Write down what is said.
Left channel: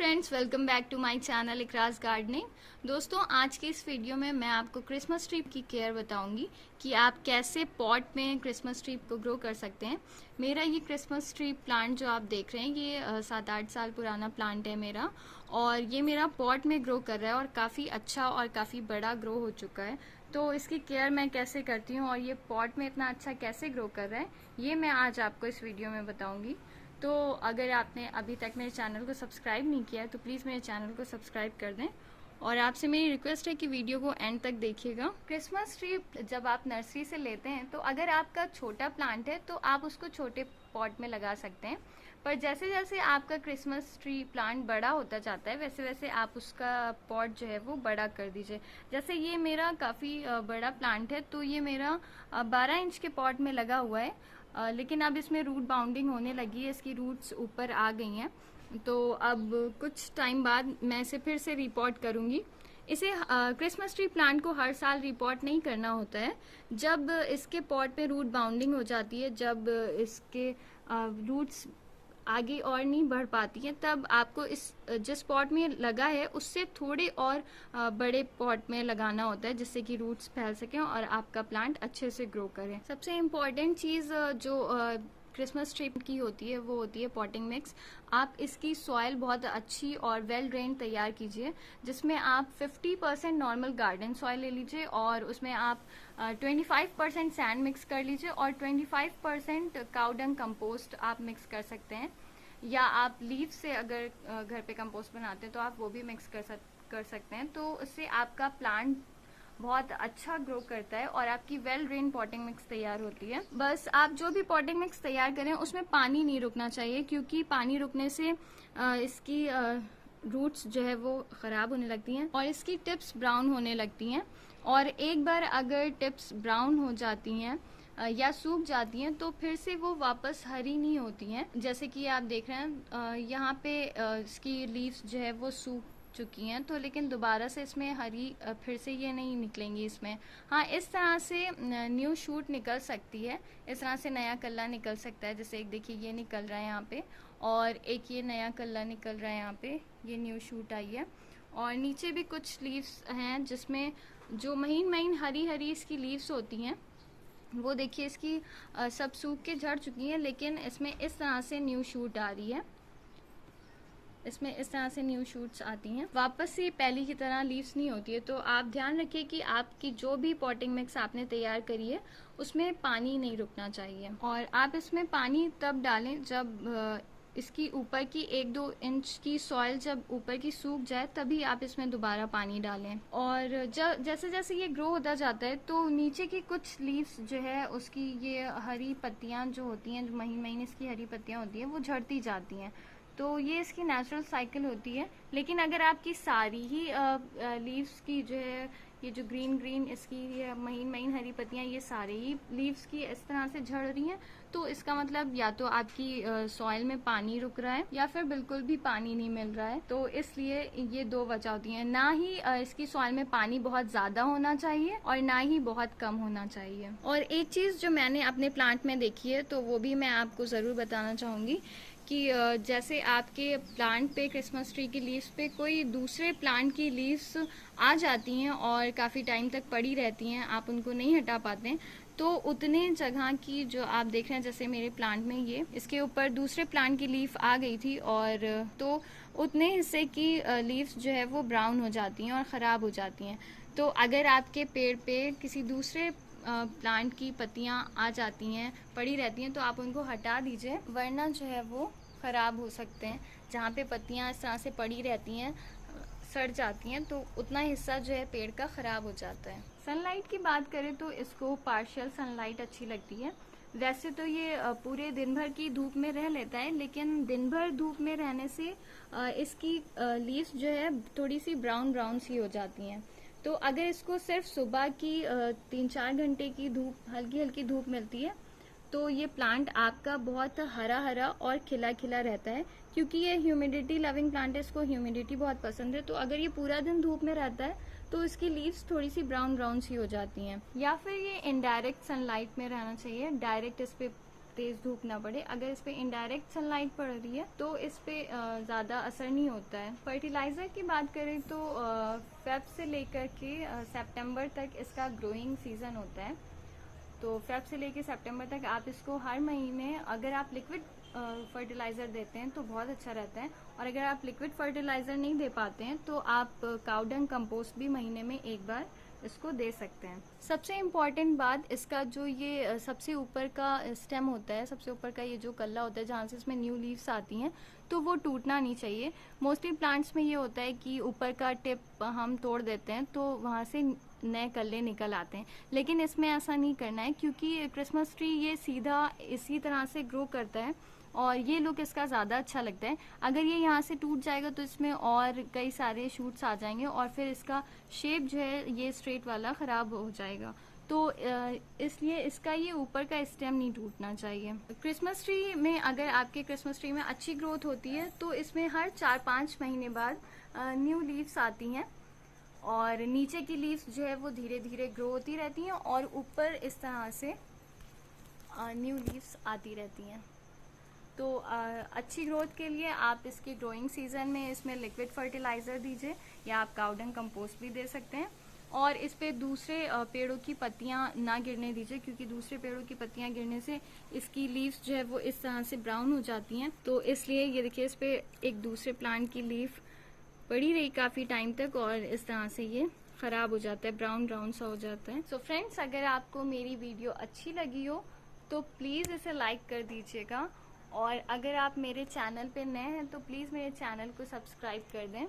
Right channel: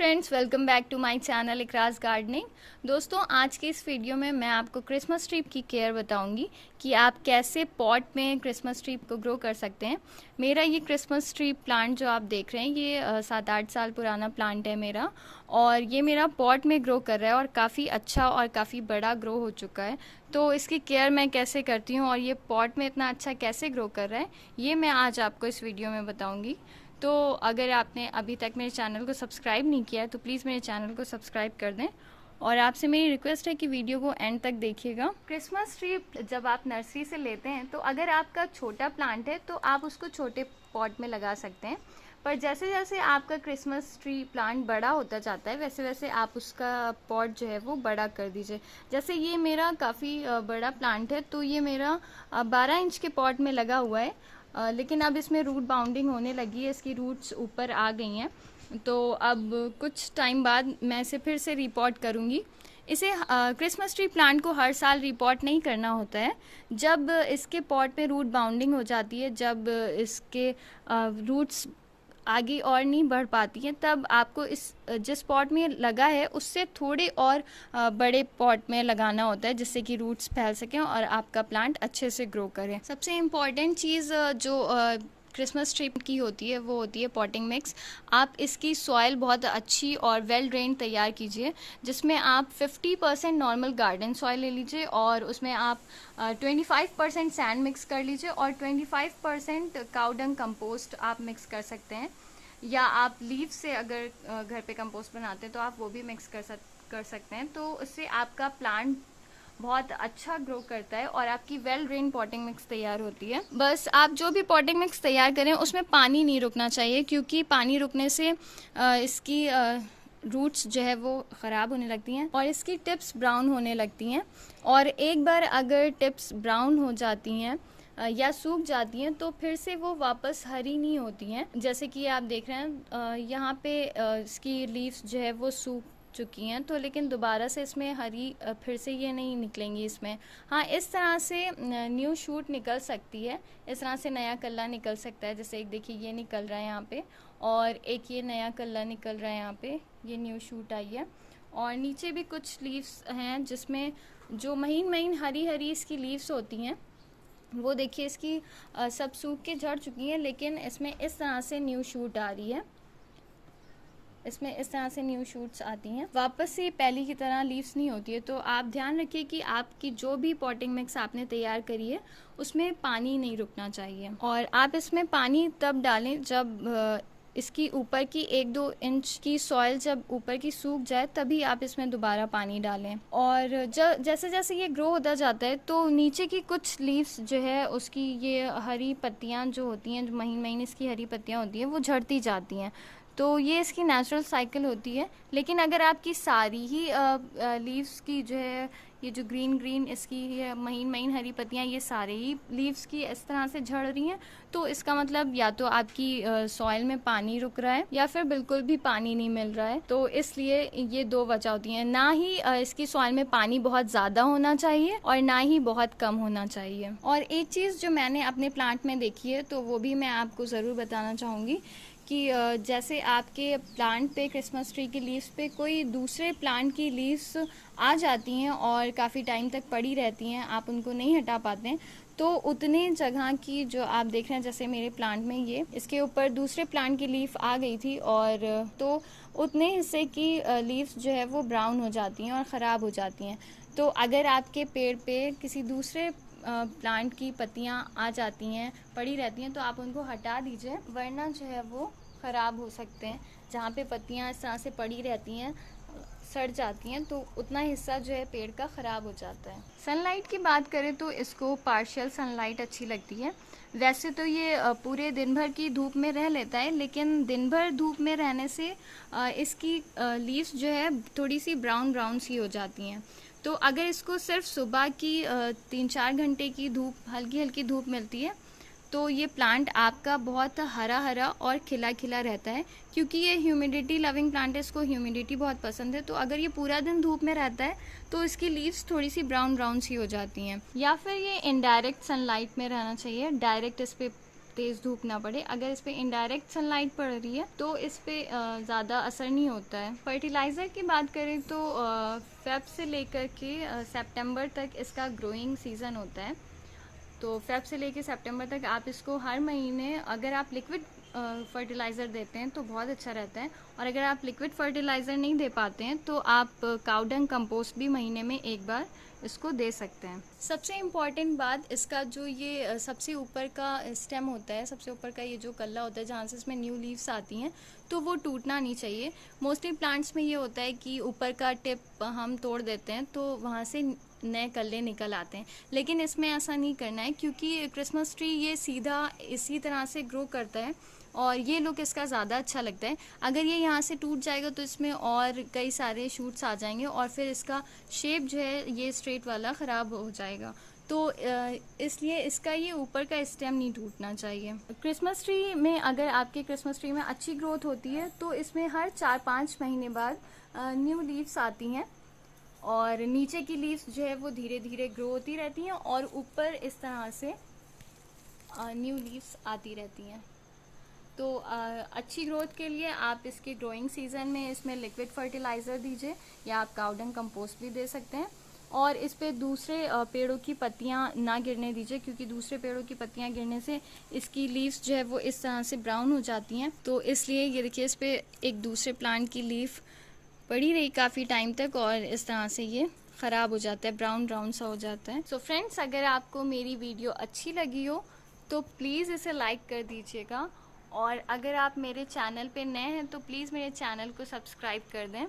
Friends, welcome back to my channel Ikraj gardening. दोस्तों, आज की इस वीडियो में मैं आपको क्रिसमस ट्री की केयर बताऊंगी कि आप कैसे पॉट में क्रिसमस ट्री को ग्रो कर सकते हैं। मेरा ये क्रिसमस ट्री प्लांट जो आप देख रहे हैं, ये 7-8 साल पुराना प्लांट है मेरा, और ये मेरा पॉट में ग्रो कर रहा है और काफ़ी अच्छा और काफ़ी बड़ा ग्रो हो चुका है। तो इसकी केयर मैं कैसे करती हूँ और ये पॉट में इतना अच्छा कैसे ग्रो कर रहा है, ये मैं आज आपको इस वीडियो में बताऊँगी। तो अगर आपने अभी तक मेरे चैनल को सब्सक्राइब नहीं किया है तो प्लीज़ मेरे चैनल को सब्सक्राइब कर दें, और आपसे मेरी रिक्वेस्ट है कि वीडियो को एंड तक देखिएगा। क्रिसमस ट्री जब आप नर्सरी से लेते हैं तो अगर आपका छोटा प्लांट है तो आप उसको छोटे पॉट में लगा सकते हैं, पर जैसे जैसे आपका क्रिसमस ट्री प्लांट बड़ा होता जाता है वैसे वैसे आप उसका पॉट जो है वो बड़ा कर दीजिए। जैसे ये मेरा काफ़ी बड़ा प्लांट है, तो ये मेरा 12 इंच के पॉट में लगा हुआ है, लेकिन अब इसमें रूट बाउंडिंग होने लगी है, इसकी रूट्स ऊपर आ गई हैं। तो अब कुछ टाइम बाद मैं इसे फिर से रिपॉट करूँगी। इसे क्रिसमस ट्री प्लांट को हर साल रिपॉट नहीं करना होता है। जब इसके पॉट में रूट बाउंडिंग हो जाती है, जब इसके रूट्स आगे और नहीं बढ़ पाती हैं, तब आपको इस जिस पॉट में लगा है उससे थोड़े और बड़े पॉट में लगाना होता है, जिससे कि रूट्स फैल सकें और आपका प्लांट अच्छे से ग्रो करे। सबसे इम्पॉर्टेंट चीज़ जो क्रिसमस ट्री की होती है वो होती है पॉटिंग मिक्स। आप इसकी सॉइल बहुत अच्छी और वेल ड्रेन तैयार कीजिए, जिसमें आप 50% नॉर्मल गार्डन सॉइल ले लीजिए और उसमें आप 25% सैंड मिक्स कर लीजिए और 25% काउ डंग कंपोस्ट आप मिक्स कर सकते हैं, या आप लीफ से अगर घर पे कंपोस्ट बनाते हैं तो आप वो भी मिक्स कर सकते हैं। तो उससे आपका प्लांट बहुत अच्छा ग्रो करता है और आपकी वेल ड्रेन पॉटिंग मिक्स तैयार होती है। बस आप जो भी पॉटिंग मिक्स तैयार करें उसमें पानी नहीं रुकना चाहिए, क्योंकि पानी रुकने से इसकी रूट्स जो है वो ख़राब होने लगती हैं और इसकी टिप्स ब्राउन होने लगती हैं। और एक बार अगर टिप्स ब्राउन हो जाती हैं या सूख जाती हैं तो फिर से वो वापस हरी नहीं होती हैं। जैसे कि आप देख रहे हैं यहाँ पे इसकी लीव्स जो है वो सूख चुकी हैं, तो लेकिन दोबारा से इसमें हरी फिर से ये नहीं निकलेंगी इसमें। हाँ, इस तरह से न्यू शूट निकल सकती है, इस तरह से नया कल्ला निकल सकता है। जैसे एक देखिए ये निकल रहा है यहाँ पे, और एक ये नया कल्ला निकल रहा है यहाँ पे, ये न्यू शूट आई है। और नीचे भी कुछ लीव्स हैं जिसमें जो महीन महीन हरी हरी इसकी लीव्स होती हैं, वो देखिए इसकी सब सूख के झड़ चुकी हैं, लेकिन इसमें इस तरह से न्यू शूट आ रही है, इसमें इस तरह से न्यू शूट्स आती हैं। वापस से पहले की तरह लीव्स नहीं होती है। तो आप ध्यान रखिए कि आपकी जो भी पॉटिंग मिक्स आपने तैयार करी है उसमें पानी नहीं रुकना चाहिए, और आप इसमें पानी तब डालें जब इसकी ऊपर की 1-2 इंच की सॉइल जब ऊपर की सूख जाए, तभी आप इसमें दोबारा पानी डालें। और जैसे जैसे ये ग्रो होता जाता है तो नीचे की कुछ लीव्स जो है उसकी ये हरी पत्तियां जो होती हैं, जो महीन महीन इसकी हरी पत्तियां होती हैं, वो झड़ती जाती हैं। तो ये इसकी नेचुरल साइकिल होती है। लेकिन अगर आपकी सारी ही लीव्स की जो है, ये जो ग्रीन ग्रीन इसकी महीन महीन हरी पत्तियां, ये सारे ही लीव्स की इस तरह से झड़ रही हैं, तो इसका मतलब या तो आपकी सॉइल में पानी रुक रहा है या फिर बिल्कुल भी पानी नहीं मिल रहा है। तो इसलिए ये दो वजह होती हैं। ना ही इसकी सॉइल में पानी बहुत ज़्यादा होना चाहिए और ना ही बहुत कम होना चाहिए। और एक चीज़ जो मैंने अपने प्लांट में देखी है, तो वो भी मैं आपको ज़रूर बताना चाहूँगी कि जैसे आपके प्लांट पे, क्रिसमस ट्री की लीव्स पे कोई दूसरे प्लांट की लीव्स आ जाती हैं और काफ़ी टाइम तक पड़ी रहती हैं, आप उनको नहीं हटा पाते हैं, तो उतने जगह की जो आप देख रहे हैं, जैसे मेरे प्लांट में ये इसके ऊपर दूसरे प्लांट की लीफ आ गई थी, और तो उतने हिस्से की लीव्स जो है वो ब्राउन हो जाती हैं और ख़राब हो जाती हैं। तो अगर आपके पेड़ पे किसी दूसरे प्लांट की पत्तियां आ जाती हैं, पड़ी रहती हैं, तो आप उनको हटा दीजिए, वरना जो है वो ख़राब हो सकते हैं। जहाँ पे पत्तियां इस तरह से पड़ी रहती हैं, सड़ जाती हैं, तो उतना हिस्सा जो है पेड़ का ख़राब हो जाता है। सनलाइट की बात करें तो इसको पार्शियल सनलाइट अच्छी लगती है। वैसे तो ये पूरे दिन भर की धूप में रह लेता है, लेकिन दिन भर धूप में रहने से इसकी लीव्स जो है थोड़ी सी ब्राउन ब्राउन सी हो जाती हैं। तो अगर इसको सिर्फ सुबह की 3-4 घंटे की धूप, हल्की हल्की धूप मिलती है, तो ये प्लांट आपका बहुत हरा हरा और खिला खिला रहता है, क्योंकि ये ह्यूमिडिटी लविंग प्लांट है, इसको ह्यूमिडिटी बहुत पसंद है। तो अगर ये पूरा दिन धूप में रहता है तो इसकी लीव्स थोड़ी सी ब्राउन ब्राउन सी हो जाती हैं। या फिर ये इनडायरेक्ट सनलाइट में रहना चाहिए, डायरेक्ट इस पर तेज़ धूप ना पड़े। अगर इस पर इनडायरेक्ट सनलाइट पड़ रही है तो इस पर ज़्यादा असर नहीं होता है। फर्टिलाइज़र की बात करें तो फेब से लेकर के सितंबर तक इसका ग्रोइंग सीज़न होता है। तो फेब से लेकर सितंबर तक आप इसको हर महीने, अगर आप लिक्विड फर्टिलाइज़र देते हैं तो बहुत अच्छा रहता है, और अगर आप लिक्विड फर्टिलाइज़र नहीं दे पाते हैं तो आप काउडंग कंपोस्ट भी महीने में एक बार इसको दे सकते हैं। सबसे इम्पॉर्टेंट बात, इसका जो ये सबसे ऊपर का स्टेम होता है, सबसे ऊपर का ये जो कल्ला होता है जहाँ से इसमें न्यू लीव्स आती हैं, तो वो टूटना नहीं चाहिए। मोस्टली प्लांट्स में ये होता है कि ऊपर का टिप हम तोड़ देते हैं तो वहाँ से नए कल्ले निकल आते हैं, लेकिन इसमें ऐसा नहीं करना है क्योंकि क्रिसमस ट्री ये सीधा इसी तरह से ग्रो करता है और ये लुक इसका ज़्यादा अच्छा लगता है। अगर ये यहाँ से टूट जाएगा तो इसमें और कई सारे शूट्स आ जाएंगे और फिर इसका शेप जो है ये स्ट्रेट वाला ख़राब हो जाएगा। तो इसलिए इसका ये ऊपर का स्टेम नहीं टूटना चाहिए। क्रिसमस ट्री में, अगर आपके क्रिसमस ट्री में अच्छी ग्रोथ होती है तो इसमें हर 4-5 महीने बाद न्यू लीव्स आती हैं और नीचे की लीव्स जो है वो धीरे धीरे ग्रो होती रहती हैं और ऊपर इस तरह से न्यू लीव्स आती रहती हैं। तो अच्छी ग्रोथ के लिए आप इसके ग्रोइंग सीजन में इसमें लिक्विड फर्टिलाइज़र दीजिए या आप काउडंग कंपोस्ट भी दे सकते हैं। और इस पे दूसरे पेड़ों की पत्तियां ना गिरने दीजिए क्योंकि दूसरे पेड़ों की पत्तियां गिरने से इसकी लीव्स जो है वो इस तरह से ब्राउन हो जाती हैं। तो इसलिए ये देखिए, इस पे एक दूसरे प्लांट की लीफ पड़ी रही काफ़ी टाइम तक और इस तरह से ये ख़राब हो जाता है, ब्राउन ब्राउन सा हो जाता है। सो फ्रेंड्स, अगर आपको मेरी वीडियो अच्छी लगी हो तो प्लीज़ इसे लाइक कर दीजिएगा, और अगर आप मेरे चैनल पे नए हैं तो प्लीज़ मेरे चैनल को सब्सक्राइब कर दें।